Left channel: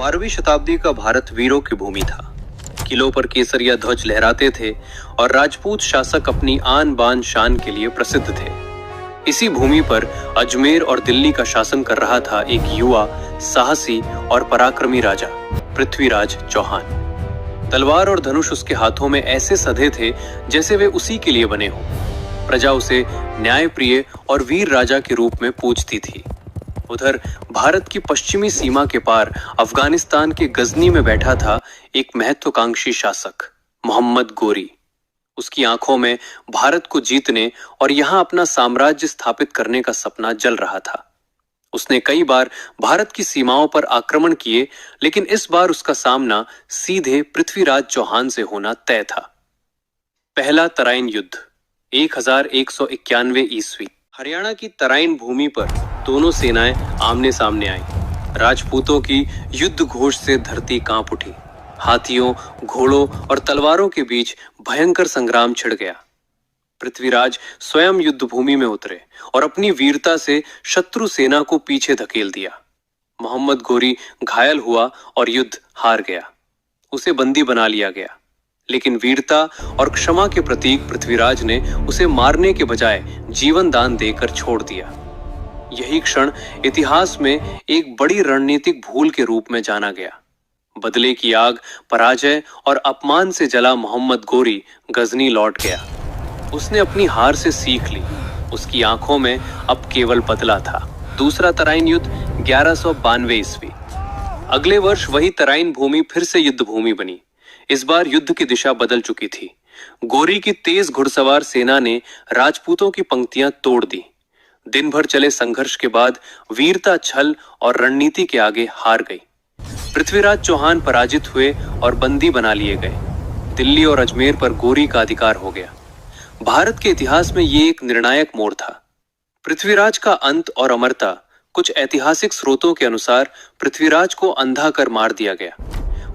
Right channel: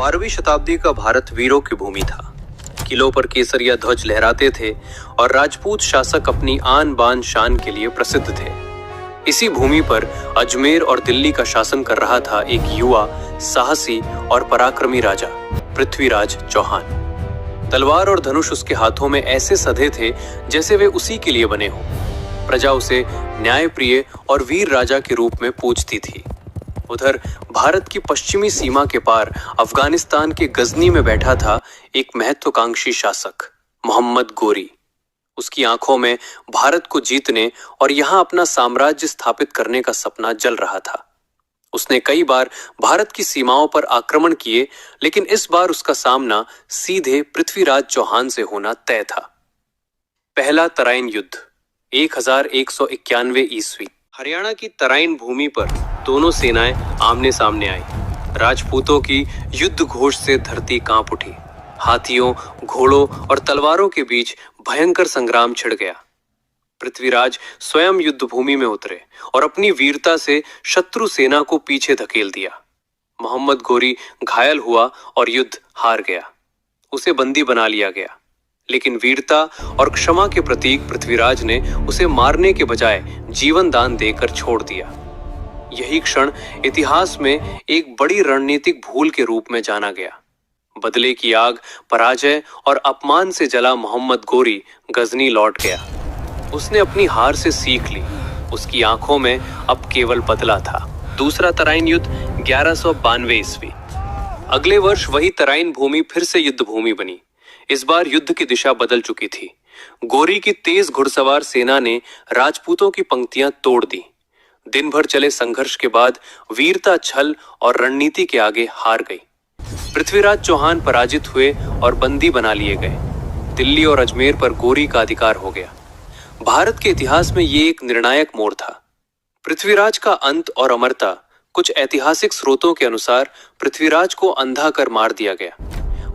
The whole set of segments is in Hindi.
12वीं शताब्दी का भारत वीरों की भूमि था। किलों पर केसरिया ध्वज लहराते थे और राजपूत शासक अपनी आन बान शान के लिए प्रसिद्ध थे। इसी भूमि पर अजमेर और दिल्ली का शासन कर रहा था एक युवा, साहसी और पराक्रमी राजा, पृथ्वीराज चौहान। तलवार और धनुष उसके हाथों में ऐसे सधे थे जैसे वे उसी के लिए बने हों। प्रजा उसे न्यायप्रिय और वीर राजा के रूप में पूजती थी। उधर भारत की पश्चिमी सीमा के पार अफगानिस्तान के गजनी में बैठा था एक महत्वाकांक्षी शासक, मोहम्मद गोरी। उसकी आंखों में भारत को जीतने और यहां अपना साम्राज्य स्थापित करने का सपना जल रहा था। उसने कई बार भारत की सीमाओं पर आक्रमण किए, लेकिन इस बार उसका सामना सीधे पृथ्वीराज चौहान से होना तय था। पहला तराइन युद्ध 1191 ईस्वी। हरियाणा की तराइन भूमि पर दोनों सेनाएं आमने सामने आईं। राजपूतों की युद्ध घोष से धरती कांप उठी। हाथियों, घोड़ों और तलवारों के बीच भयंकर संग्राम छिड़ गया। पृथ्वीराज स्वयं युद्ध भूमि में उतरे और अपनी वीरता से शत्रु सेना को पीछे धकेल दिया। मोहम्मद गोरी घायल हुआ और युद्ध हार गया। उसे बंदी बना लिया गया, लेकिन वीरता और क्षमा के प्रतीक पृथ्वीराज ने उसे मारने के बजाय जीवन दान देकर छोड़ दिया। यही क्षण इतिहास में एक बड़ी रणनीतिक भूल के रूप में जाना गया। बदले की आग, पराजय और अपमान से जला मोहम्मद गोरी गजनी लौट गया। उसने अपनी हार से सीख ली। उसकी आंखों में अब केवल बदला था। दूसरा तराइन युद्ध 1192 ईस्वी। अगले वर्ष वही तराइन भूमि फिर से युद्ध भूमि बनी। इस बार युद्ध की दिशा बदल चुकी थी। गोरी की तेज घुड़सवार सेना ने राजपूतों की पंक्तियां तोड़ दी। दिन भर चले संघर्ष के बाद वीरता, छल और रणनीति के आगे हार गई। पृथ्वीराज चौहान पराजित हुए और बंदी बना लिए गए। दिल्ली और अजमेर पर गोरी का अधिकार हो गया। भारत के इतिहास में ये एक निर्णायक मोड़ था। पृथ्वीराज का अंत और अमरता। कुछ ऐतिहासिक स्रोतों के अनुसार पृथ्वीराज को अंधा कर मार दिया गया।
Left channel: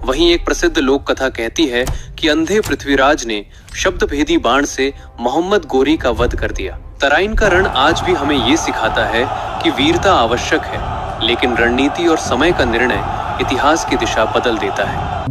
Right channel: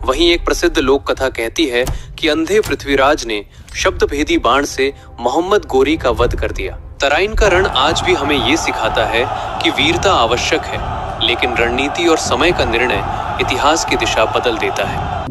वहीं एक प्रसिद्ध लोक कथा कहती है कि अंधे पृथ्वीराज ने शब्दभेदी बाण से मोहम्मद गोरी का वध कर दिया। तराइन का रण आज भी हमें ये सिखाता है कि वीरता आवश्यक है, लेकिन रणनीति और समय का निर्णय इतिहास की दिशा बदल देता है।